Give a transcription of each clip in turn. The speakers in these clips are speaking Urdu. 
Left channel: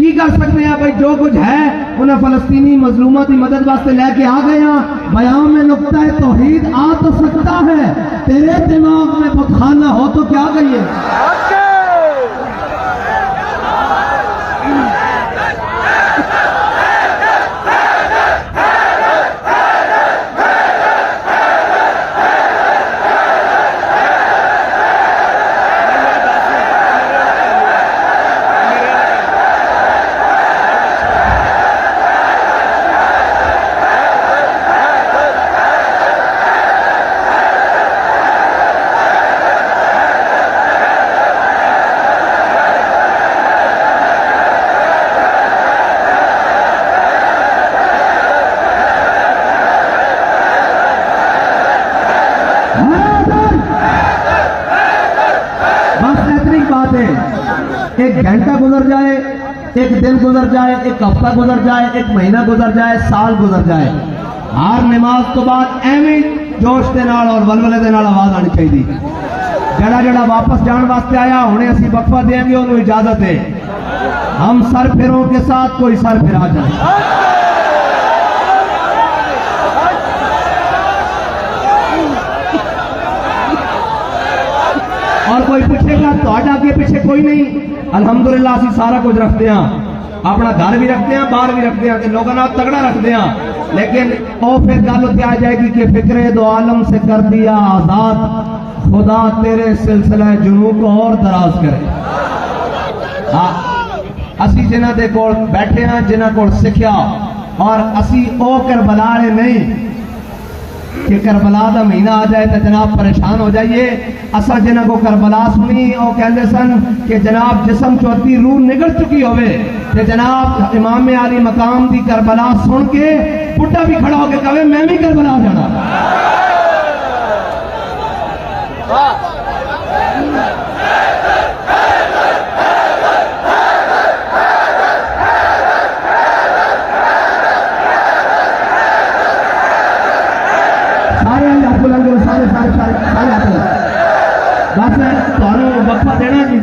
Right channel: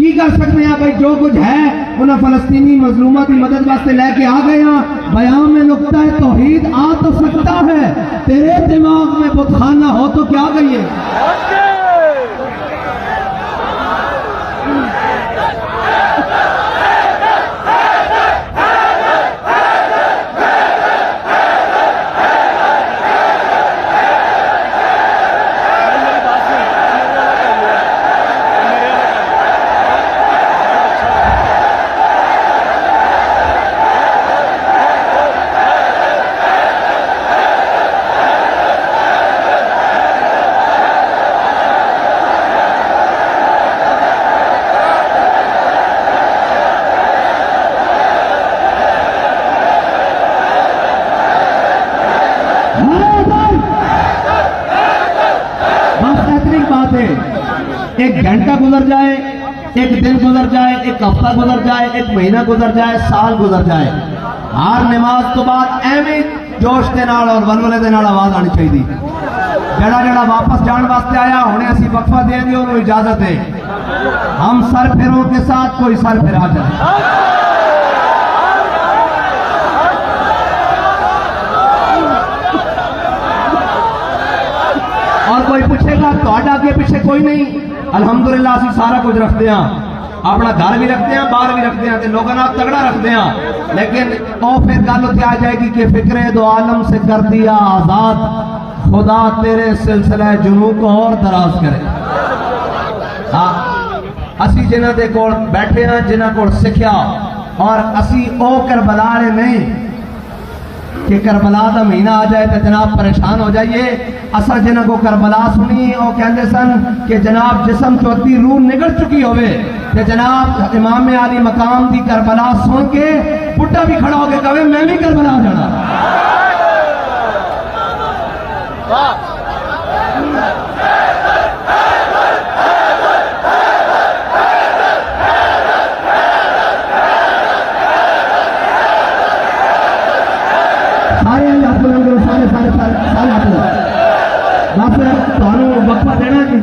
کی کر سکتے ہیں بھائی؟ جو کچھ ہے انہیں فلسطینی مظلوموں کی مدد واسطے لے کے آ گئے ہیں. بیان میں نقطہ توحید آ تو سکتا ہے، تیرے دماغ میں بتخانہ ہو تو کیا کہیے؟ ایک گھنٹہ گزر جائے، ایک دن گزر جائے، ایک ہفتہ گزر جائے، ایک مہینہ گزر جائے، سال گزر جائے، ہر نماز تو بعد ایویں جوش کے نال اور ولولے دے نال آواز آنی چاہیے. جڑا جڑا واپس جان واسطے آیا ہنے اسی وقفہ دیں گے، انہوں اجازت ہے. ہم سر پھروں کے ساتھ کوئی سر پھرا جائے. اور کوئی پوچھے گا تو کے پیچھے کوئی نہیں. الحمدللہ اسی سارا کچھ رکھتے ہیں، اپنا گھر بھی رکھتے ہیں، باہر بھی رکھتے ہیں، لوگوں نے تگڑا رکھتے ہیں. لیکن وہ پھر گل اتنے آ جائے گی کہ فکر دو عالم سے کر دیا آزاد، خدا تیرے سلسلہ جنوں کو اور دراز کرے. ہاں اسی جنہ دے کول بیٹھے ہیں، جنہ کول سکھیا، اور اسی او کربلا نے نہیں کہ کربلا دا مہینہ آ جائے تو جناب پریشان ہو جائیے. اصل جنہ کو کربلا سنی وہ کہتے سن کہ جناب جسم چوتی روح نگل چکی ہوئے کہ جناب امام علی مقام دی کربلا سن کے بڈھا بھی کھڑا ہو کے کہے میں بھی کربلا جانا. وقفہ دینا جی.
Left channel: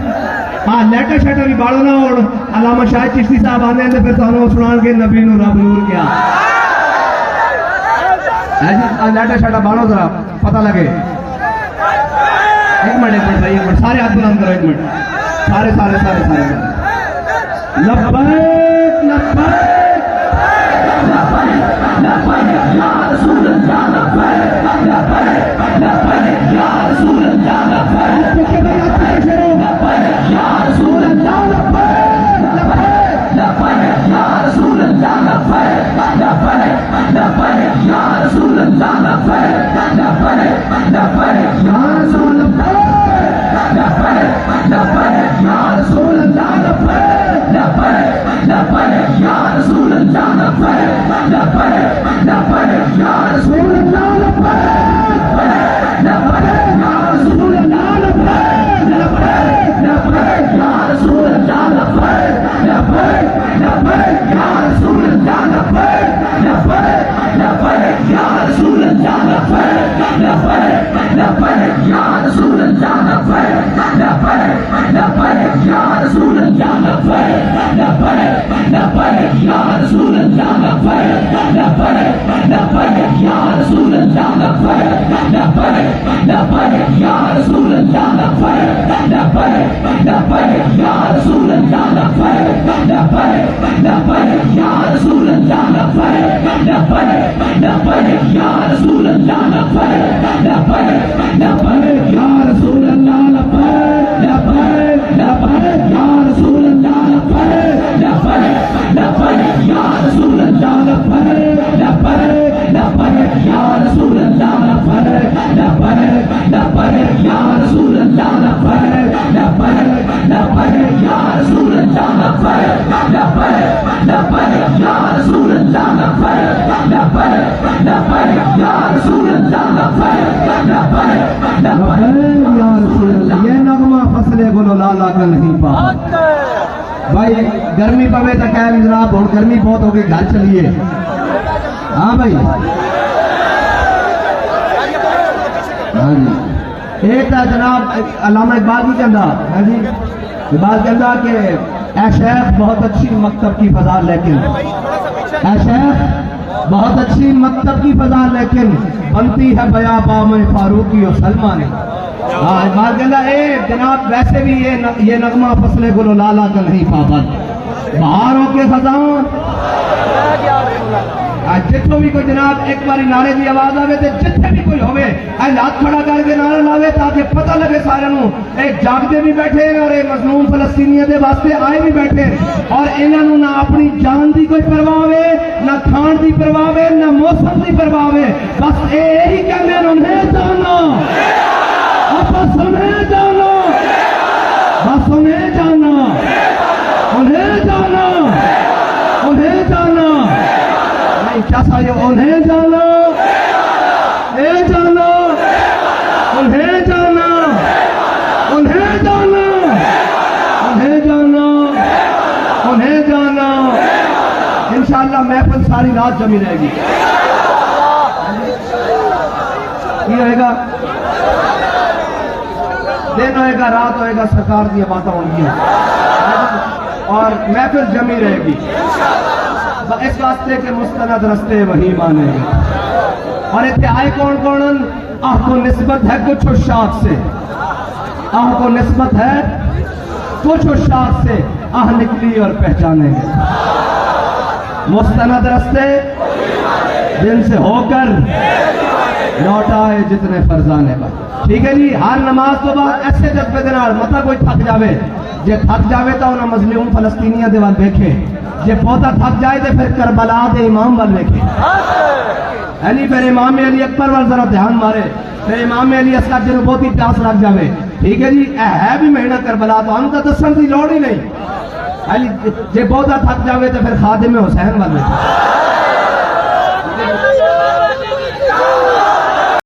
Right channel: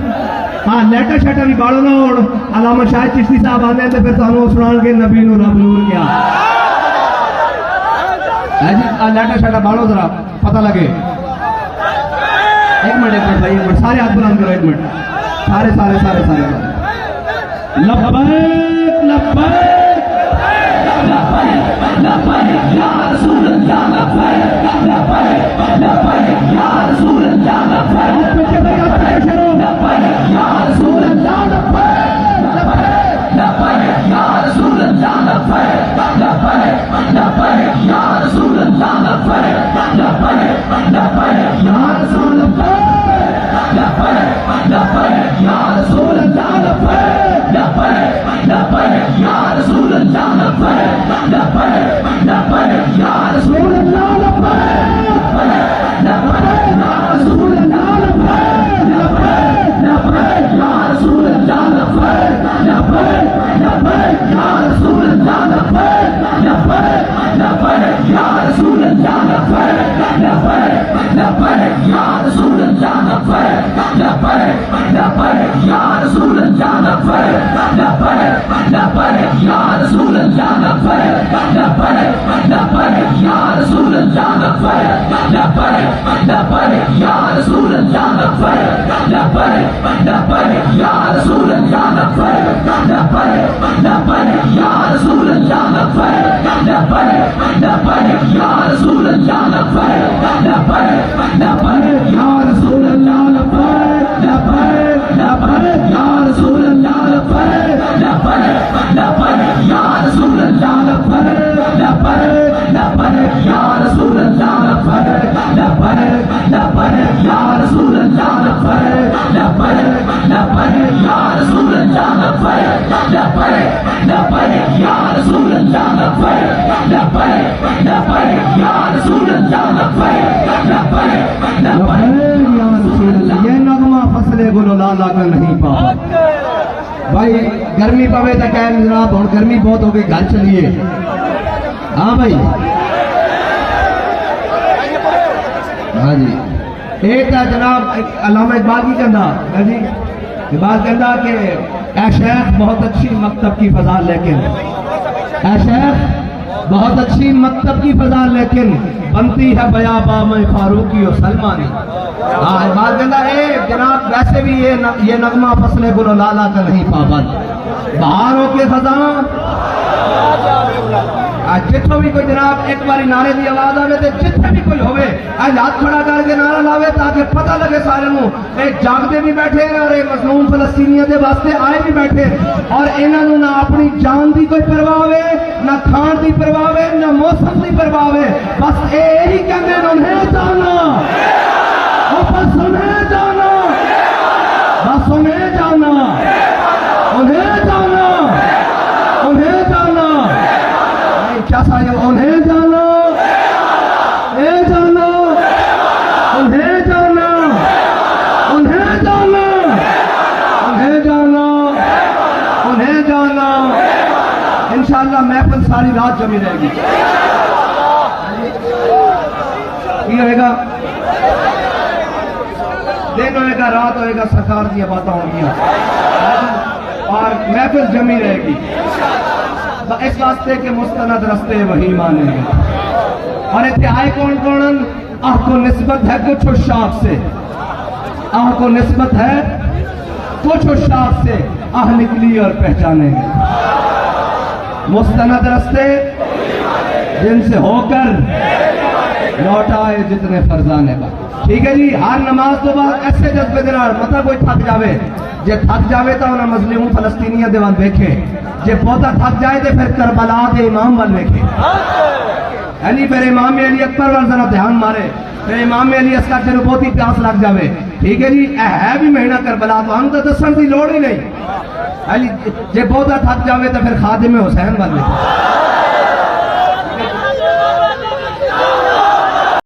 ہاں لیٹر شیٹر بھی بالو نہ اور علامہ شاہد چشتی صاحب آنے ہیں تو پھر تمہیں سنان کے نبی نو رب نور کیا جی. لیٹر شیٹر بالو ذرا پتہ لگے. ایک منٹ بھائی، ایک منٹ سارے ہاتھ بلند کرو. ایک منٹ سارے سارے سارے سارے لبیک لبیک یا رسول اللہ لبیک لبیک لبیک یا رسول اللہ لبیک لبیک یا رسول اللہ لبیک لبیک یا رسول اللہ لبیک لبیک لبیک یا رسول اللہ لبیک لبیک لبیک یا رسول اللہ لبیک لبیک یا رسول اللہ لبیک لبیک لبیک یا رسول اللہ لبیک لبیک لبیک یا رسول اللہ لبیک لبیک یا رسول اللہ لبیک لبیک یا رسول اللہ لبیک لبیک لبیک یا رسول اللہ لبیک لبیک لبیک یا رسول اللہ لبیک لبیک لبیک یا رسول اللہ لبیک لبیک لبیک یا رسول اللہ لبیک لبیک لبیک یا رسول اللہ لبیک لبیک لبیک یا رسول اللہ لبیک لبیک لبیک یا رسول اللہ لبیک لبیک لبیک یا رسول اللہ لبیک لبیک لبیک یا رسول اللہ لبیک لبیک لبیک یا رسول اللہ لبیک لبیک لبیک یا رسول اللہ لبیک لبیک لبیک یا رسول اللہ لبیک لبیک لبیک یا رسول اللہ لبیک لبیک لبیک یا رسول اللہ لبیک لبیک لبیک یا رسول اللہ لبیک لبیک لبیک یا رسول اللہ لبیک لبیک لبیک یا رسول اللہ لبیک لبیک لبیک یا رسول اللہ لبیک لبیک لبیک یا رسول اللہ. یہ نغمہ فصل گل لالا کا نہیں پا بھائی. گرمی پوے تو ٹائم جناب ہوں گرمی بہت ہو گئی، گھر چلیے. ہاں بھائی ہاں جی. یہ تو جناب علامہ اقبال کی کہنا ہے جی. اقبال کہنا کہ اے شیخ بہت اچھی مکتب کی فضا لیکن اے شیخ بہت اچھی مکتب کی فضا لیکن بنتی ہے بیاباں میں فاروقی و سلمانی. بات کہتا ہے جناب ویسے بھی یہ نغمہ فصل گل و لالا کا نہیں پابند. بہاروں کے خزاں جتوں بھی کوئی جناب ایک باری نعرے کی آواز آئے تو جتنے بھی کوئی ہوئے ہاتھ کھڑا کر کے نعرہ لاوے تاکہ پتہ لگے سارے نوں ایک جاگتے بھی بیٹھے اور ایک مظلوم فلسطینیوں دے واسطے آئے بھی بیٹھے اور انہاں نوں نہ اپنی جان دی کوئی پرواہ ہے نہ کھان دی پرواہ ہے نہ موسم دی پرواہ ہے. بس یہی کہتے ہیں انہیں جانا بس انہیں جانا بس انہیں جانا انہیں جانا انہیں جانا کیا سارے انہیں جانا اے جانا انہیں جانا انہیں جانا انہیں جانا انہیں جانا. انشاءاللہ محفل ساری رات جمی رہے گی. یہ ہوئے گا دن ہوئے گا رات ہوئے گا سرکار کی باتیں ہوں گی اور محفل جمی رہے گی اس واسطے کے مستند رستے وہی مانے گے. اور اتنے آئے کون کون آہ کو نسبت ہے کچھ اشاعت سے آہ کو نسبت ہے کچھ اشاعت سے آہ نکلی اور پہچانے گے. مستند رستے جن سے ہو کر لوٹ آئے جتنے فرزانے کا. ٹھیک ہے جی. ہر نماز تو بعد ایسے جذبے دے نال مطلب کوئی تھک جاوے جے تھک جاوے تو انہاں مظلوم فلسطینیاں دے وال دیکھے جے بہتا تھک جائے تو پھر کربلا دے امام وال دیکھے یعنی پھر امام علی اکبر وال ذرا دھیان مارے پھر امام علی اصغر جنوں بہتی پیاس لگ جاوے. ٹھیک ہے جی. اے ہے بھی مہینہ کربلا تو ہم تو دسن کی لوڑ ہی نہیں. جے بہتا تھک جاوے تو پھر خادم حسین وال دیکھے